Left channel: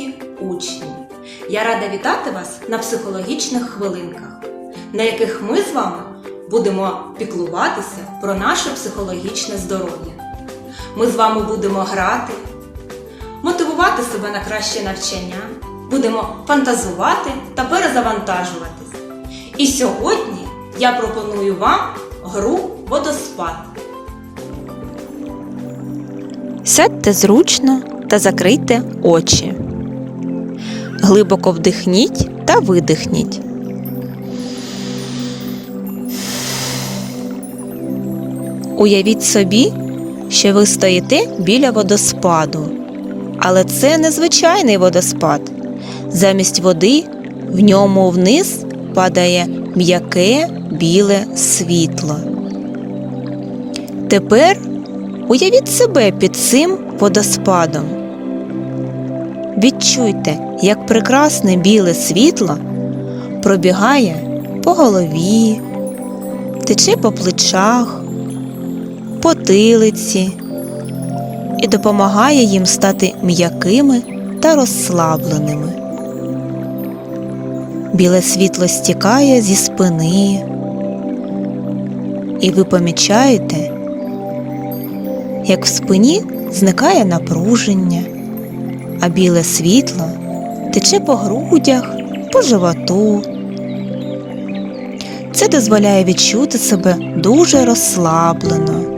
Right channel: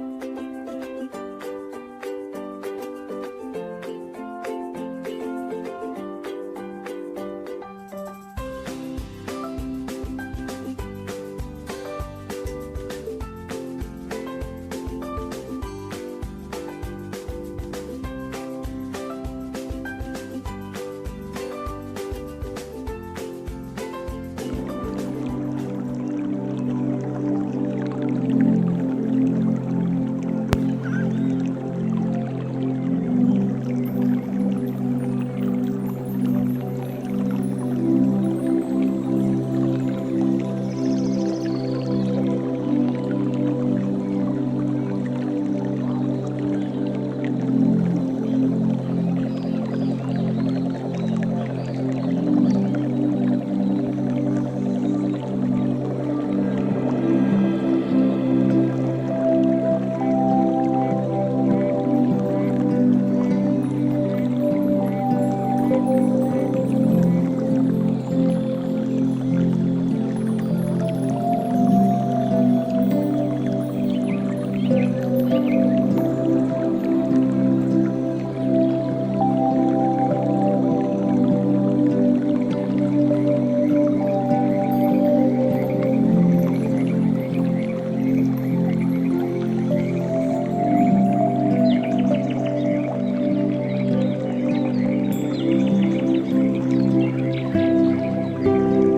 маленькі учні. Я рада вітати вас на психологічних хвилинках, на яких ми з вами будемо піклуватися про наше психологічне здоров'я. Ми з вами будемо грати, мотивувати себе на краще навчання, будемо фантазувати та перезавантажуватися. І сьогодні я пропоную вам гру водоспад. Сядьте зручно та закрийте очі. Глибоко вдихніть та видихніть. Уявіть собі, що ви стоїте біля водоспаду. Але це не звичайний водоспад. Замість води в ньому вниз падає м'яке біле світло. Тепер Уявіть себе під цим водоспадом. Відчуйте, як прекрасне біле світло пробігає по голові, тече по плечах, потилиці і допомагає їм стати м'якими та розслабленими. Біле світло стікає зі спини, і ви помічаєте, як в спині зникає напруження, а біле світло тече по грудях, по животу. Це дозволяє відчути себе дуже розслаблено.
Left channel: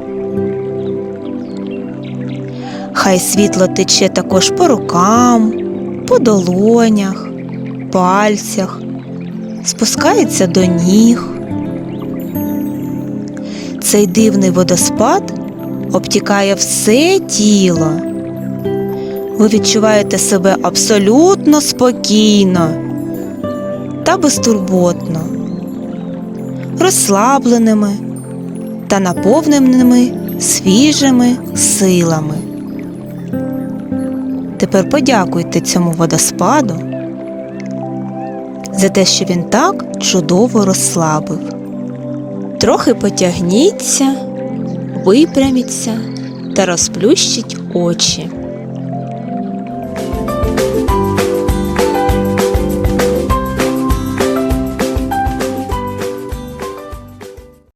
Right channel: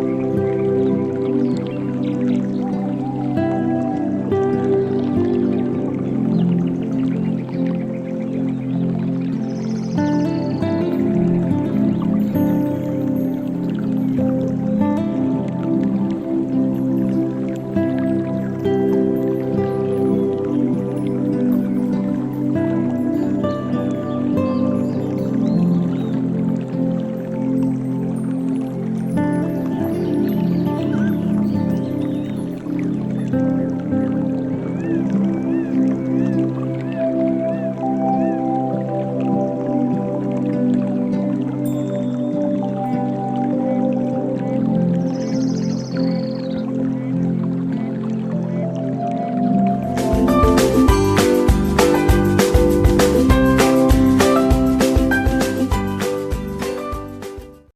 Хай світло тече також по рукам, по долонях, пальцях, спускається до ніг. Цей дивний водоспад обтікає все тіло. Ви відчуваєте себе абсолютно спокійно та безтурботно, розслабленими та наповненими свіжими силами. Тепер подякуйте цьому водоспаду за те, що він так чудово розслабив. Трохи потягніться випряміться та розплющіть очі.